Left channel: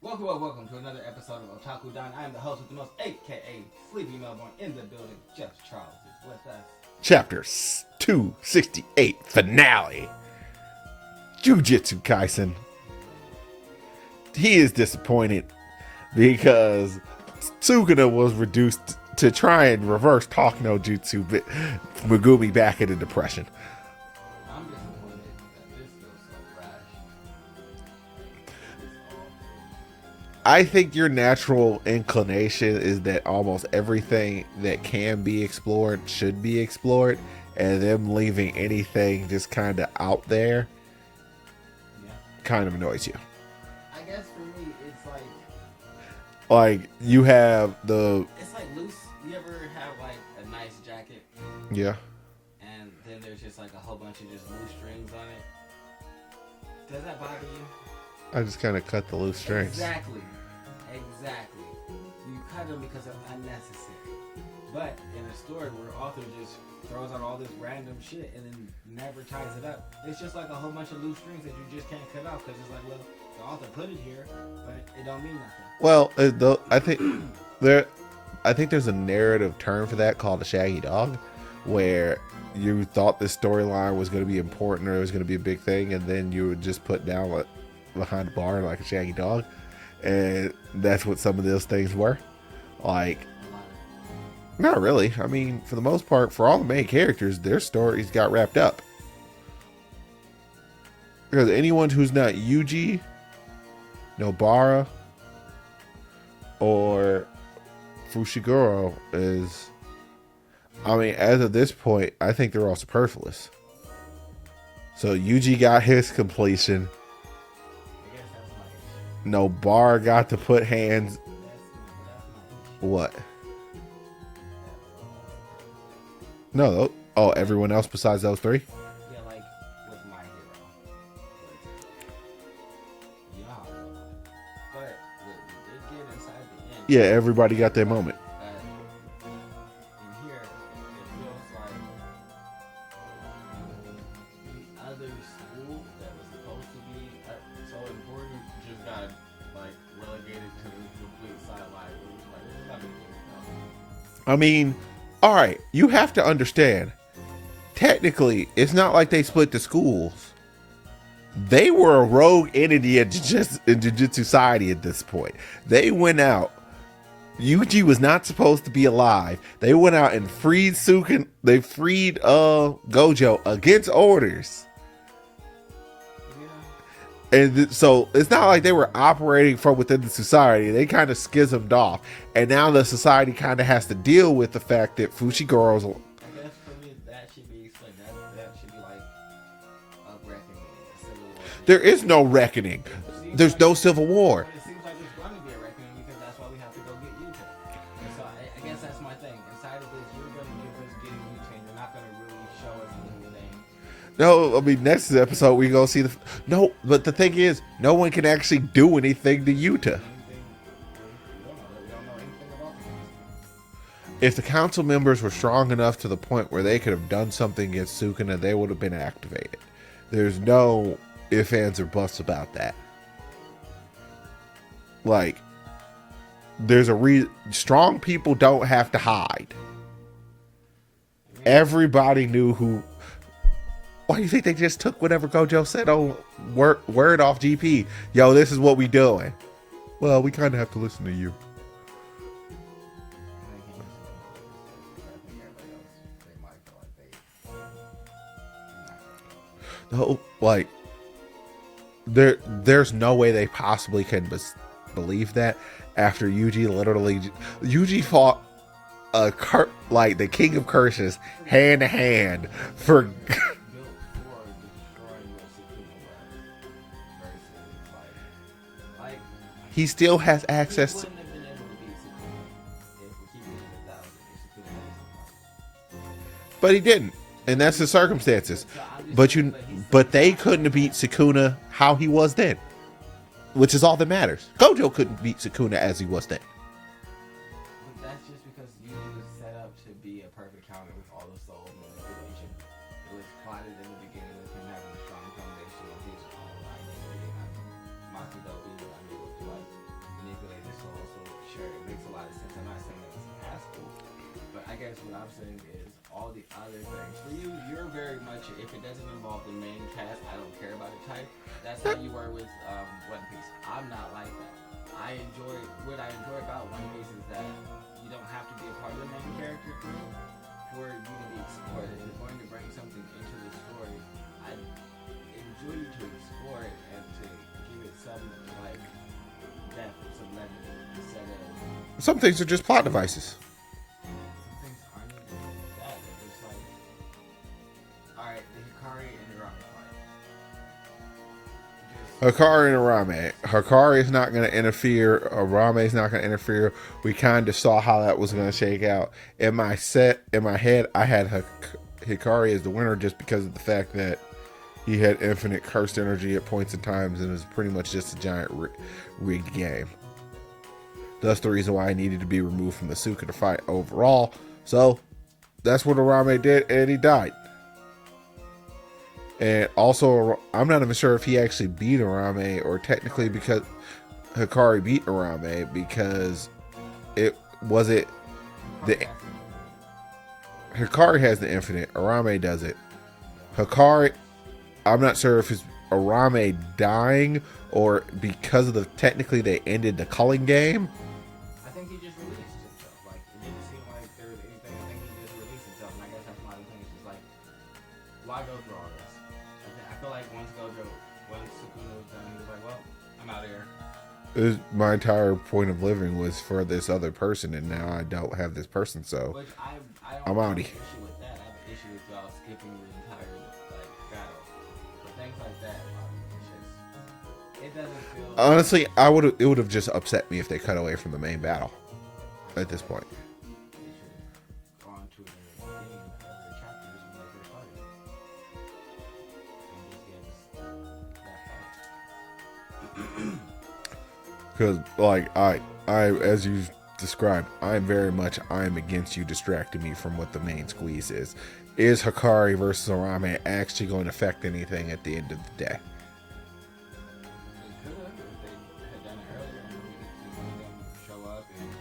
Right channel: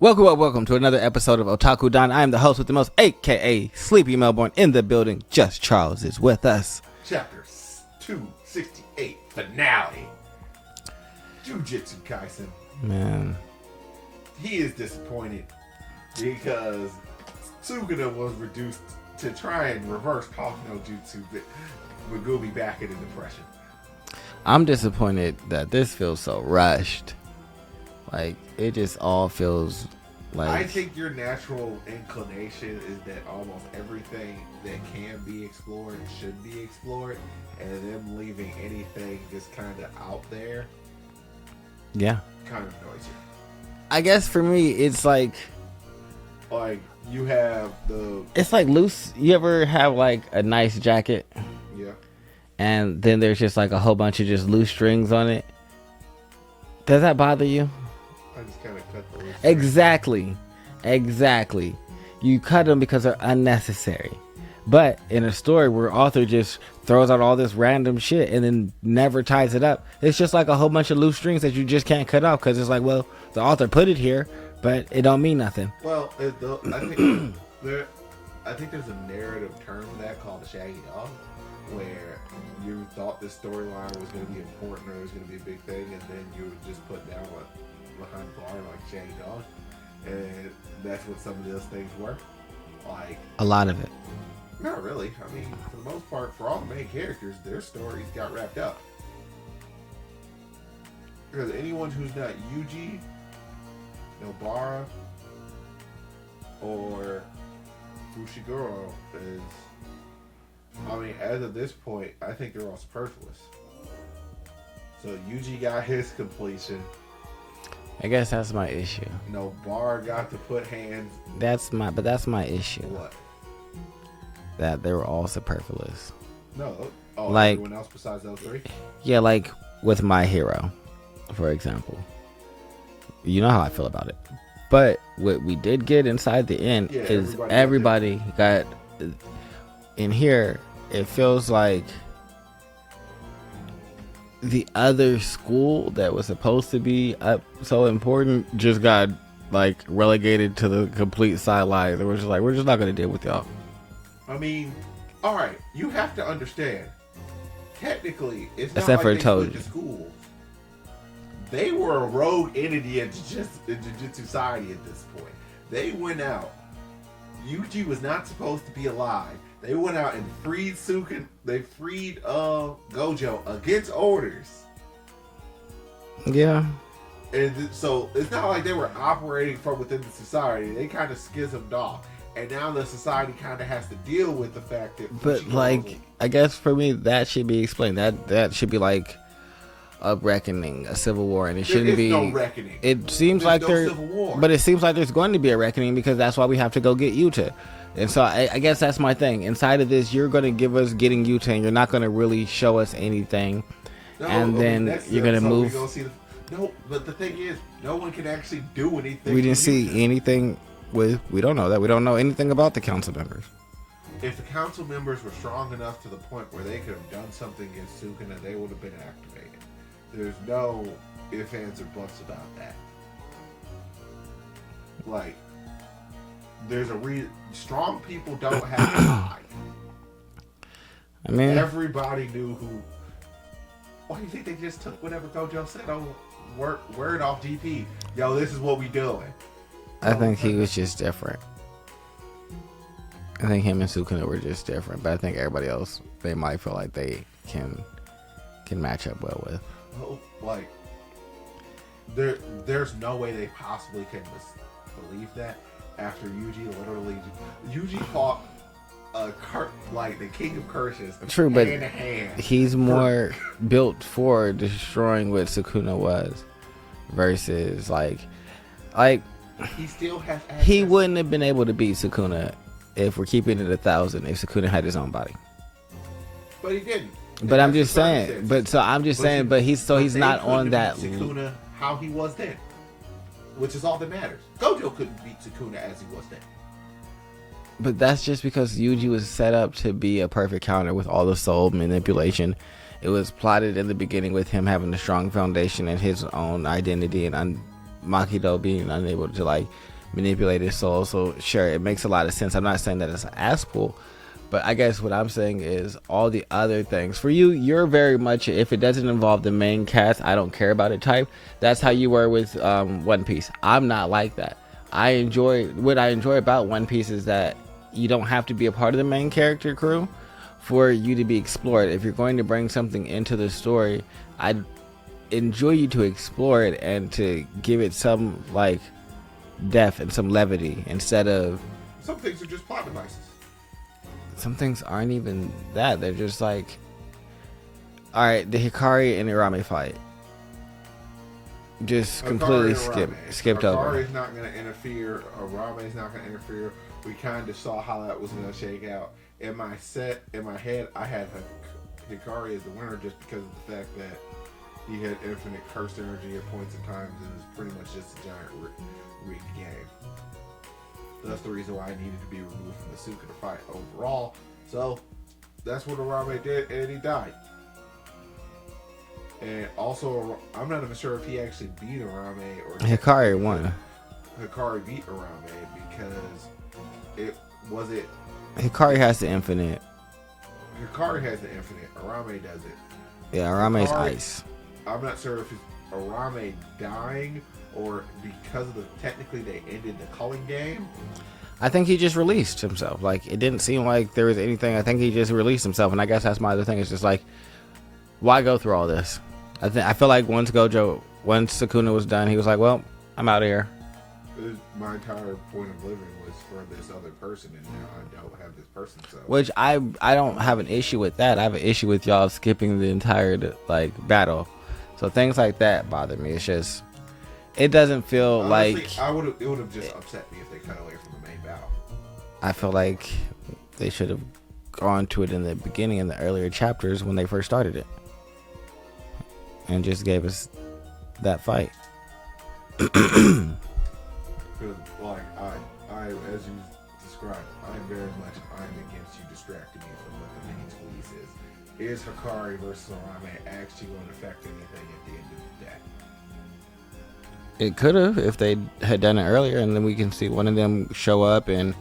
Welcome to another episode of Otaku Don. I am the host with the most, aka Sleepy Melbourne, in the building. Just Charles is with us. Chapter 268 finale. Jujutsu Kaisen. Man, he is disappointed because Sakuna was reduced to try and reverse talk no jutsu, but Megumi back into depression. I'm disappointed that this feels so rushed. Like, it just all feels like... I think your natural inclination is that almost everything that can be explored should be explored, and them leaving anything just kind of out there, yeah, kind of annoys you. I guess for me, it's like you have the... It's like loose. You ever have like a nice jacket? Yeah. And then there's just like a whole bunch of just loose strings on it. Does that bother you? I just kind of cut the loose strings. Exactly. You cut them because they're unnecessary. But in a story where author just throws out all this random shit and then never ties it up, it's just like a whole bunch of loose strings that you just can't cut off because it's like, well, the author put it here, but it don't mean nothing. Well, I think there's a narrative term for that called a shaggy dog, where you thought this storyline was going to be important or it was going to be a big thing, and then you would just put down behind the bar like a shaggy dog, and that's what some of those things were. Like, a lot of it. Not really. I mean, for the most part, for all the main characters, their stories got wrapped up. Because anyone who's not Yuji, Nobara, or Fushiguro is... I mean, as of this point, I think they're all superfluous. So Yuji got his completion. I guess that's my issue. Nobara got to put hands. That's my issue. What? That they were all superfluous. No, everyone else besides those three? Yeah, like with My Hero, for example. You know how I feel about it. But what we did get inside the end, yeah, everybody got in here. It feels like the other school that was supposed to be so important just got like relegated to the complete sideline. They were just like, we're just not going to deal with y'all. I mean, all right, you have to understand. Technically, it's not like they split the schools. They were a rogue entity in Jujutsu Society at this point. They went out. Yuji was not supposed to be alive. They went out and freed Sakuna. They freed Gojo against orders. Yeah. And so it's not like they were operating from within the society. They kind of schismed off. And now the society kind of has to deal with the fact that Fushiguro... Like, I guess for me, that should be explained. That should be like a reckoning, a civil war. And there is no reckoning. It seems there's like no civil war. But it seems like there's going to be a reckoning because that's why we have to go get Yuta. And so I guess that's my thing. Inside of this, you're going to give us getting Yuta, and you're not going to really show us anything. No, I mean, next episode we're going to see the... No, but the thing is, no one can actually do anything to Yuta. We didn't see anything with... We don't know that. We don't know anything about the council members. If the council members were strong enough to the point where they could have done something against Sakuna, they would have been activated. There's no ifs, ands, or buts about that. Like, there's a strong people don't have to hide. I mean, everybody knew who... Why do you think they just took whatever Gojo said on word off GP? Yo, this is what we doing. Well, I think he was just different. I think him and Sakuna were just different, but I think everybody else, they might feel like they can match up well with. No, like there's no way they possibly can believe that after Yuji fought like the king of curses. True, hand to hand. He's more built for destroying what Sakuna was versus like he still has access. He wouldn't have been able to beat Sakuna if we're keeping it 1,000 if Sakuna had his own body. But he didn't. But that's the circumstances. But so I'm just saying. But he's they couldn't have beat Sakuna how he was then, which is all that matters. Gojo couldn't beat Sakuna as he was then. But that's just because Yuji was set up to be a perfect counter with all the soul manipulation. It was plotted in the beginning with him having a strong foundation and his own identity and Makido being unable to like manipulate his soul. So sure, it makes a lot of sense. I'm not saying that it's asshole, but I guess what I'm saying is all the other things for you, you're very much, if it doesn't involve the main cast, I don't care about it type. That's how you were with One Piece. I'm not like that. What I enjoy about One Piece is that you don't have to be a part of the main character crew for you to be explored. If you're going to bring something into the story, I enjoy you to explore it and to give it some like depth and some levity instead of, some things are just plot devices. Some things aren't even that. They're just like, all right, the Hikari and Irame fight, just Hikari and Arame. Hikari is not going to interfere. Arame is not going to interfere. We kind of saw how that was going to shake out. In my head, I had Hikari as the winner just because of the fact that he had infinite cursed energy at points in times, and it was pretty much just a giant rigged game. That's the reason why I needed to be removed from the Sakuna fight overall. So that's what Arame did, and he died. And also, I'm not even sure if he actually beat Arame or technically Hikari beat Arame because Hikari has the infinite. Hikari has the infinite. Arame does it. Yeah, Arame's ice. I'm not sure if it's Arame dying or because of technically they ended the culling game. I think he just released himself. Like, it didn't seem like there was anything. I think he just released himself, and I guess that's my other thing. It's just like, why go through all this? I feel like once Sakuna was done, he was like, well, I'm out of here. My entire point of living was for this other person, and now I don't have this person. So, which I don't have an issue with that. I have an issue with y'all skipping the entire like battle. So things like that bother me. It's just, it doesn't feel honestly. like, it would have just upset me if they cut away from the main battle. I feel like they should have gone to it in the beginning, in the earlier chapters when they first started it, and just gave us that fight. Because, like, I, as you've described, I am against you distracting me from what the main squeeze is. Is Hikari versus Arame actually going to affect anything at the end of the day? It could have if they had done it earlier, and then we can see one of them show up and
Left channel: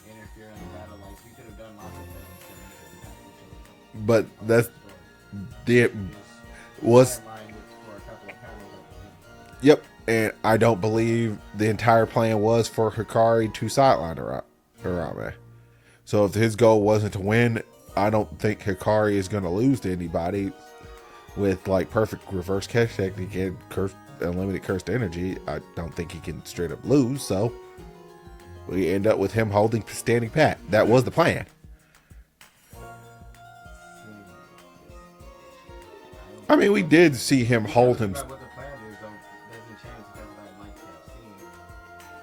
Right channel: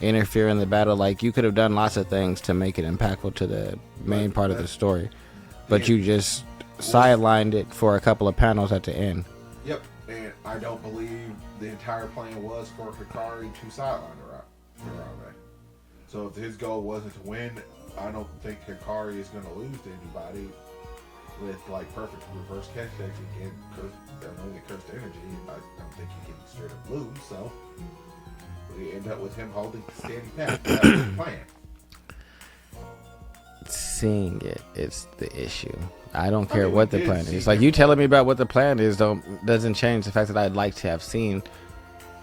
interfere in the battle. Like, you could have done lots of things to make it impactful to the main part of the story. But you just sidelined it for a couple of panels at the end. Yep. And I don't believe the entire plan was for Hikari to sideline Arame. So if his goal wasn't to win, I don't think Hikari is going to lose to anybody with like perfect reverse catch technique and unlimited cursed energy. I don't think he can straight up lose. So we end up with him holding standing pat. That was the plan. Seeing it is the issue. I don't care what the plan is. Like, you telling me about what the plan is doesn't change the fact that I'd like to have seen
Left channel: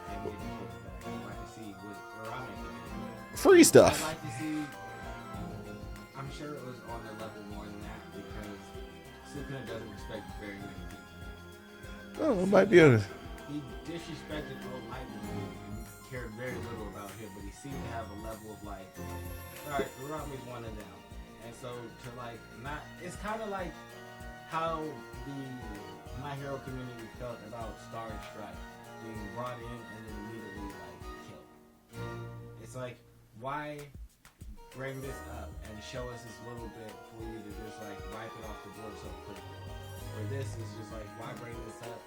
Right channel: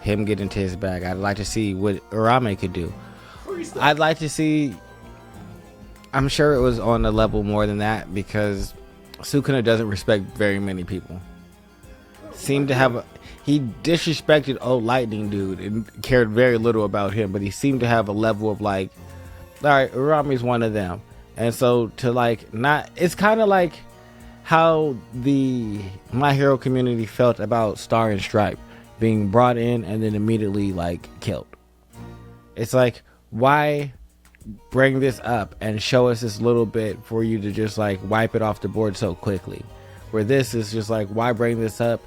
him get into his bag. I'd like to see what Arame could do. Free stuff. I'd like to see. I'm sure it was on a level more than that because Sukuna doesn't respect very many people. He disrespected old lightning dude and cared very little about him, but he seemed to have a level of like, all right, Arame's one of them. And so to like not, it's kind of like how the My Hero community felt about Star and Stripe being brought in and then immediately like killed. It's like, why bring this up and show us this little bit for you to just like wipe it off the board so quickly? Where this is just like, why bring this up?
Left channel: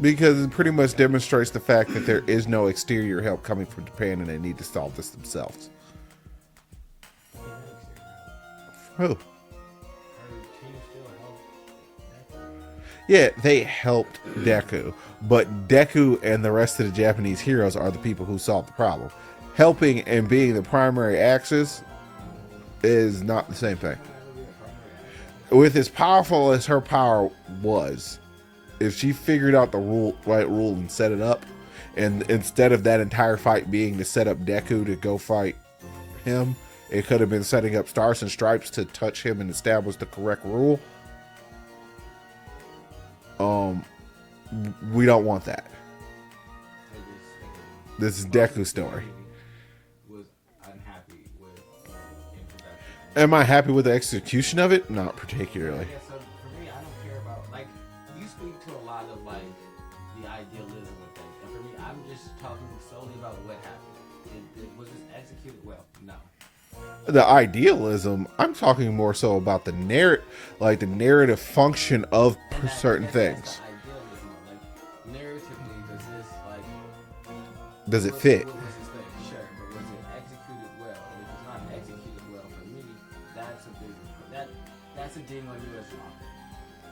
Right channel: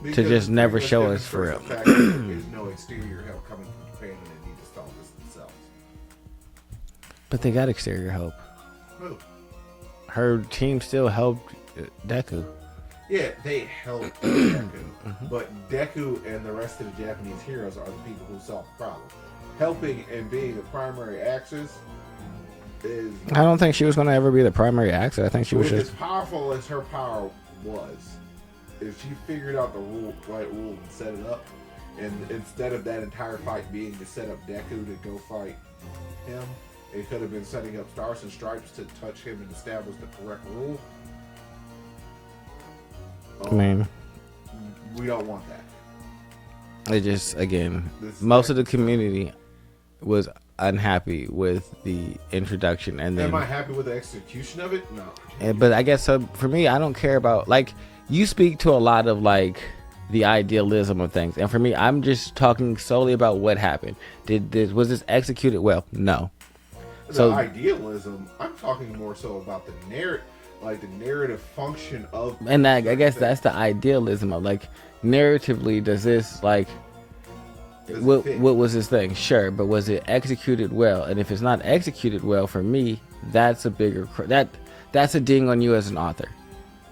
Because it pretty much demonstrates the fact that there is no exterior help coming from Japan and they need to solve this themselves. But they got exterior help. Who? Her team still helped Deku. Yeah, they helped Deku. But Deku and the rest of the Japanese heroes are the people who solved the problem. Helping and being the primary axis is not. I don't think she was going to ever be the primary axis. I think she was as powerful as her power was. If she figured out the right rule and set it up, and instead of that entire fight being to set up Deku to go fight him, it could have been setting up Stars and Stripes to touch him and establish the correct rule. We don't want that. It just, again, most of the community was unhappy with the introduction. And am I happy with the execution of it? Not particularly. But I guess for me, I don't care about, like, you speak to a lot of like the idealism of things. And for me, I'm just talking solely about what happened. Was this executed well? No. The idealism, I'm talking more so about the narrative function of, and I guess things. That's the idealism of, like, narratively, does this, like, does it fit? What was this thing? Sure, but was it executed well? And if it's not executed well, for me, that's a bigger that's a ding on you as an author.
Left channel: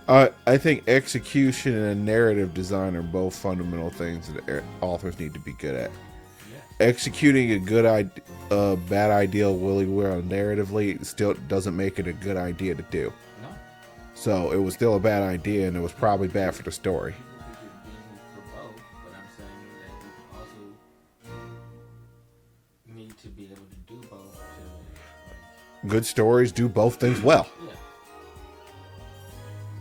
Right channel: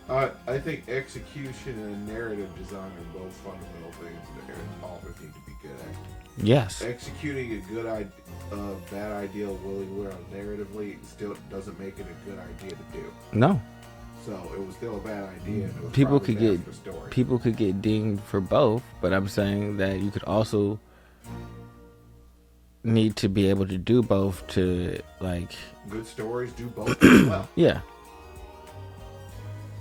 I think execution and narrative design are both fundamental things that authors need to be good at. Yes. Executing a bad idea willy-nilly narratively still doesn't make it a good idea to do. No. So it was still a bad idea, and it was probably bad for the story. People could get dinged for both, but I'm saying that you could also need to be able to do both to, like... Good stories do both things well. Yeah.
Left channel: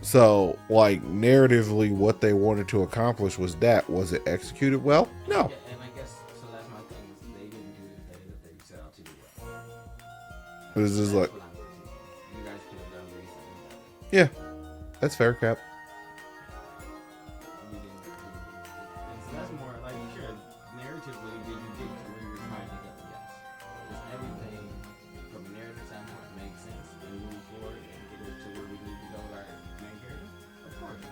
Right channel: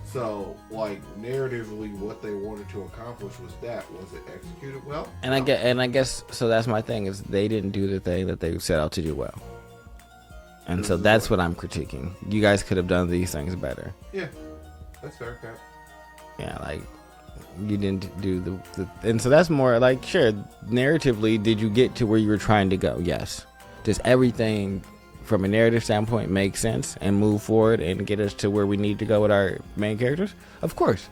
So, like, narratively, what they wanted to accomplish was it executed well? And no. I guess so. That's my thing, is they didn't do the thing that they set out to do well, and so that's what I'm critiquing. You guys could have done these things better. Yeah, that's fair, Cap. Yeah, like, you didn't do and so that's more like, sure, narratively, did you get to where you were trying to go? Yes. Does everything from a narrative standpoint make sense and move forward and get us to where we need to go with our main characters? Of course.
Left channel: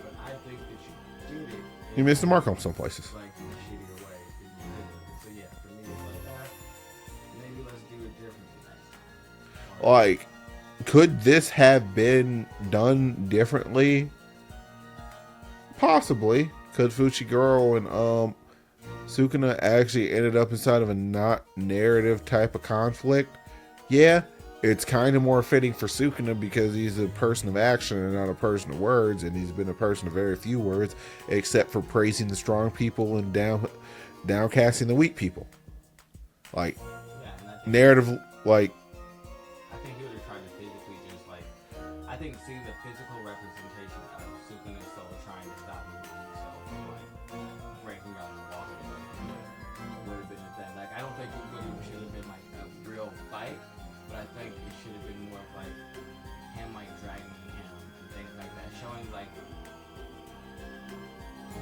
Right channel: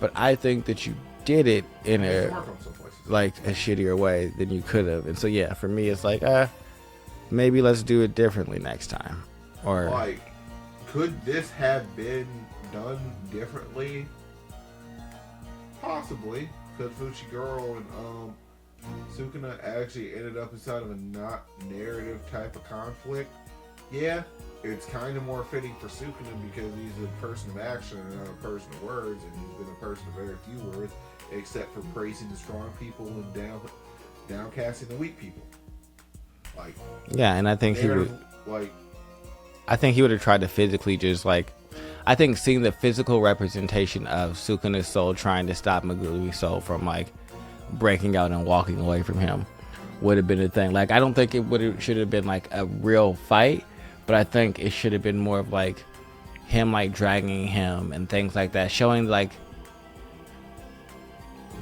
But I think that you did it in you missed the mark on some places, like, a shittier way than you could have. And so, yeah, for me, it's like, maybe let's do it differently next time. Or, like, could this have been done differently? Possibly. Could Fushiguro and Sukuna actually ended up inside of a not narrative type of conflict? Yeah, it's kind of more fitting for Sukuna because he's a person of action and not a person of words, and he's been a person of very few words, except for praising the strong people and downcasting the weak people. Like, yeah, and I think narrative, I think he would have tried to physically just, like, I think seeing the physical representation of Sukuna's soul trying to stop Megumi's soul from, like, breaking out and walking away from him would have been a thing. Like, I don't think should have been, like, a real fight, but I think it should have been more of, like, him, like, dragging him and things like that, showing, like,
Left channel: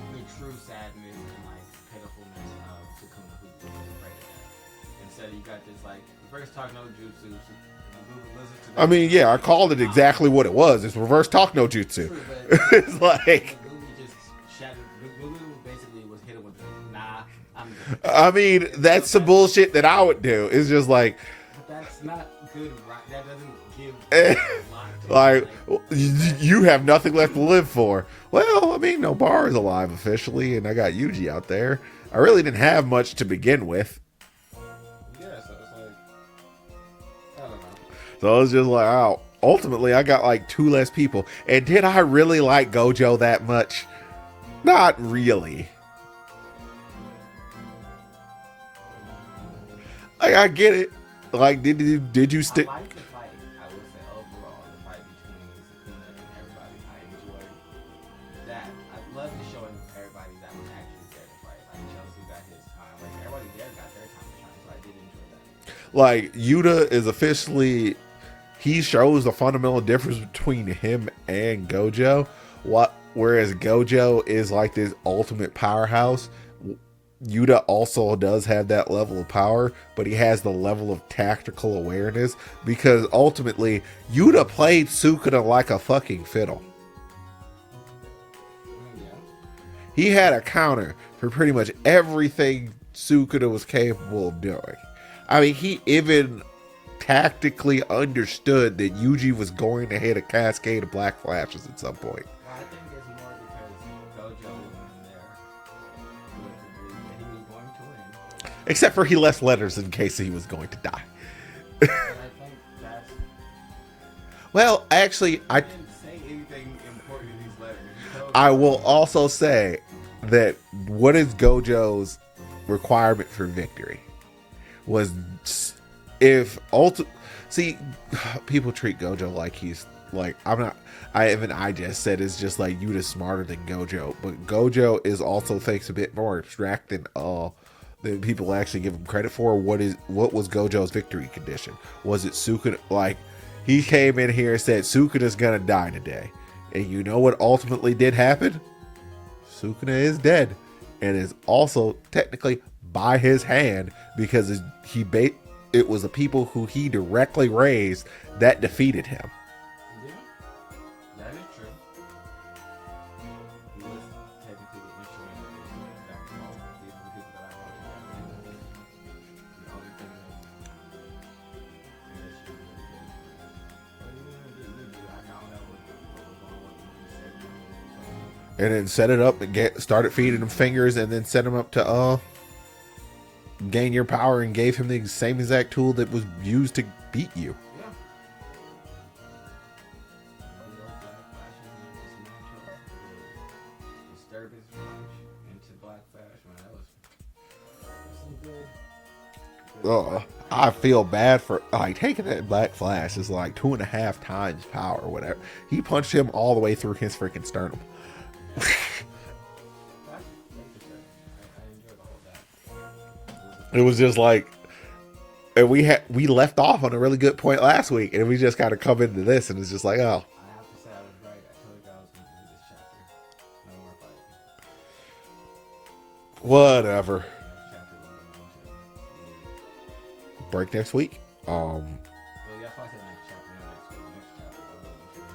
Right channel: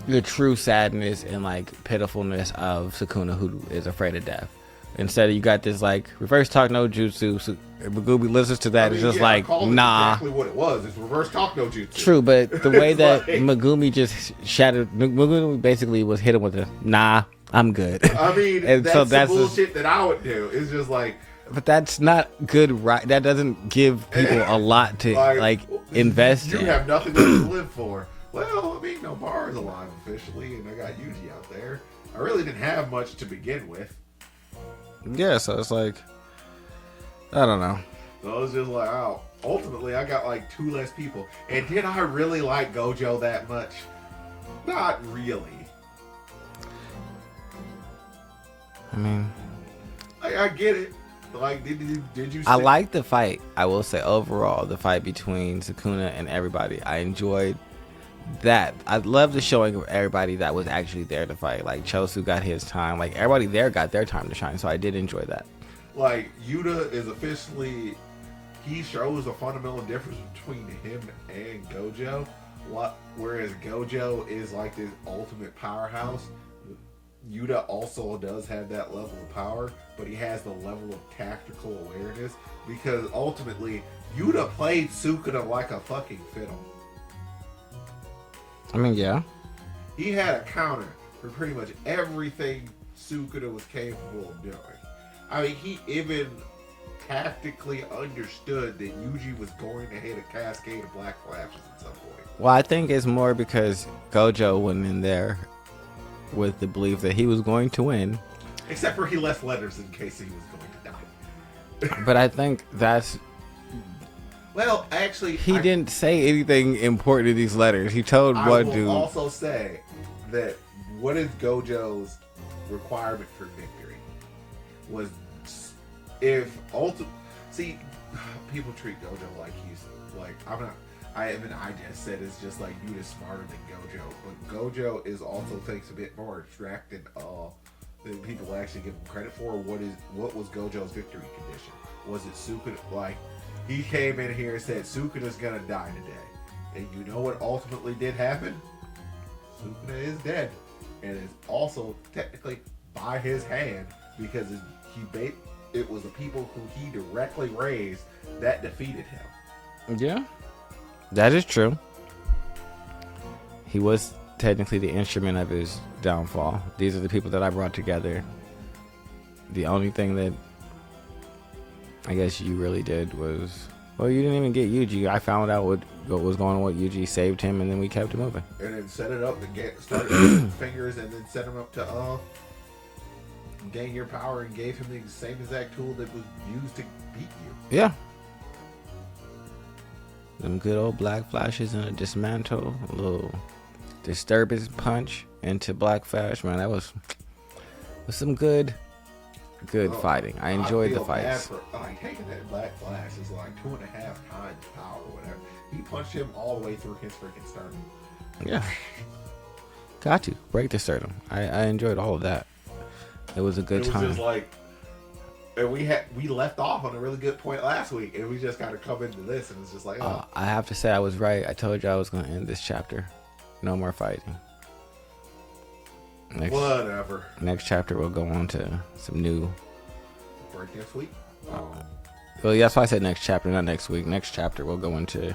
the true sadness and, like, pitifulness of Sakuna, who is afraid of death. Instead of, you got this, like, reverse talk no jutsu. So Megumi listens to that. I mean, just, yeah, like, I called it exactly what it was. It's reverse talk no jutsu. True, but the way that like, Megumi just shattered, Megumi basically was hit him with a, nah, I'm good. I mean, that's the bullshit that I would do. It's just like... But that's not good, right? That doesn't give people a lot to, like invest You in. have nothing left to live for. Well, I mean, Nobara is alive officially, and I got Yuji out there. I really didn't have much to begin with. Yeah, so it's like, I don't know. So it's just like, oh, ultimately I got like 2 less people. And did I really like Gojo that much? Not really. I mean, I get it. Like, did you I like the fight. I will say, overall, the fight between Sakuna and everybody, I enjoyed that. I love the showing of everybody that was actually there to fight. Like, Chosu got his time. Like, everybody there got their time to shine. So I did enjoy that. Like, Yuta is officially, he shows the fundamental difference between him and Gojo. Whereas Gojo is like this ultimate powerhouse, Yuta also does have that level of power, but he has the level of tactical awareness, because ultimately Yuta played Sukuna like a fucking fiddle. I mean, yeah. He had a counter for pretty much everything Sukuna was capable of doing. I mean, he even tactically understood that Yuji was going to hit a cascade of black flashes at some point. Well, I think it's more because Gojo went in there with the belief that he was going to win. Except for he left letters in case he was going to die. But I think that's... Well, actually... He didn't say anything important in these letters. He told I will also say that what is Gojo's requirement for victory was if... See, people treat Gojo like he's... Like, I just said it's just like Yuta's smarter than Gojo, but Gojo is also thinks a bit more abstract than people actually give him credit for. What was Gojo's victory condition? Was it Sukuna? Like, he came in here and said Sukuna's gonna die today, and you know what ultimately did happen? Sukuna is dead, and is also technically by his hand because it was the people who he directly raised that defeated him. Yeah, that is true. He was technically the instrument of his downfall. These are the people that I brought together. The only thing that I guess you really did was, well, you didn't even get Yuji. I found out what was going on with Yuji, saved him, and then we kept him moving. And then set it up and started feeding him fingers, and then set him up to gain your power, and gave him the same exact tool that was used to beat you. Yeah. Them good old black flashes and a dismantle, a little disturbance punch into Black Flash. Man, that was some good fighting. I feel bad for taking that Black Flash is like 2.5 times power or whatever. He punched him all the way through his freaking sternum. Yeah. Got to break the sternum. I enjoyed all of that. It was a good time. Just like, and we left off on a really good point last week, and we just got to come into this, and it's just like, oh. I have to say I was right. I told you I was going to end this chapter. No more fighting. Whatever. Next chapter we'll go on to some new. Break next week. Well, yeah, that's why I said next chapter, not next week. Next chapter we'll go into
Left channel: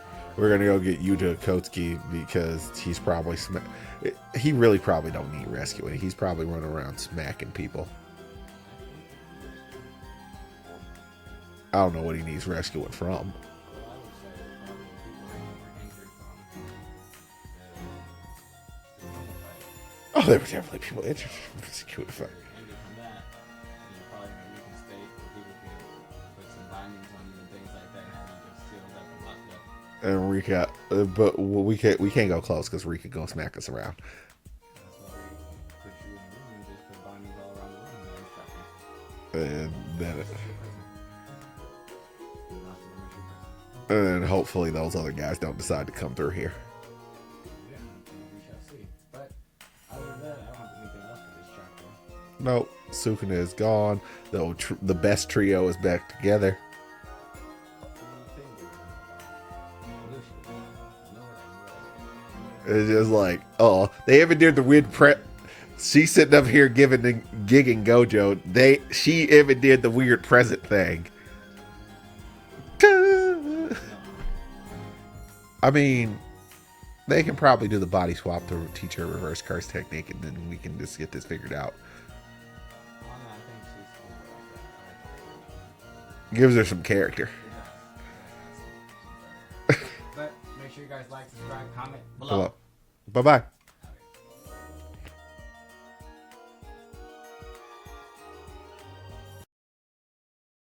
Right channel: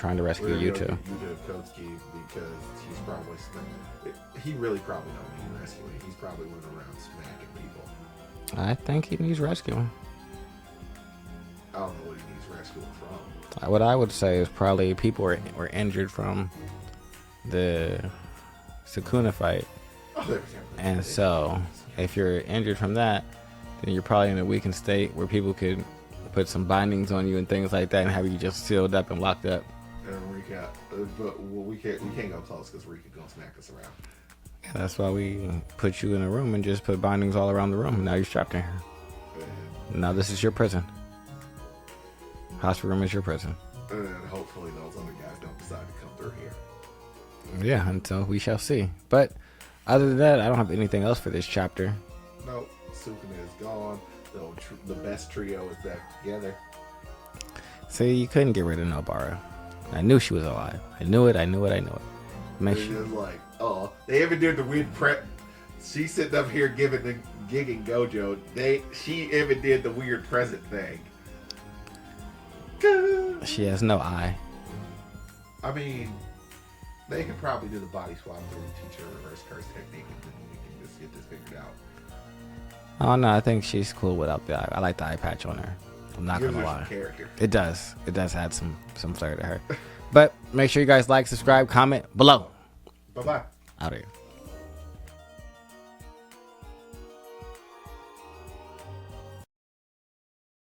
trying to rescue. We're gonna go get Yuji Kotsky because he's probably he really probably don't need rescuing. He's probably running around smacking people. I think he needs rescuing. I don't know what he needs rescuing from. What I would say is probably people were injured from the Sakuna fight. Oh, they were definitely. And so, if you're injured from that, then you're probably in a weakened state where people could put some bindings on you and things like that, and have you just sealed up and locked up. And Rika, but we can't go close because Rika go smack us around. That's why we put you in a room and just put bindings all around the room. Now you're strapped in here. Now this is your prison. Hospital room is your prison. And hopefully those other guys don't decide to come through here. Yeah, until we shall see. But other than that, I don't have anything else for this chapter. Nope. Sukuna is gone. The best trio is back together. See, you couldn't get rid of Nobara. I knew she was alive. I knew it. It's just like, they even did the weird prep. She's sitting up here gigging Gojo. She even did the weird present thing. She has no eye. I mean, they can probably do the body swap to teach her reverse curse technique, and then we can just get this figured out. Oh no, I think she's cool without the eye. I like the eye patch on her. Gives her some character. It does. It does add some flair to her. But make sure you guys like, subscribe, comment below. Bye-bye. Out here.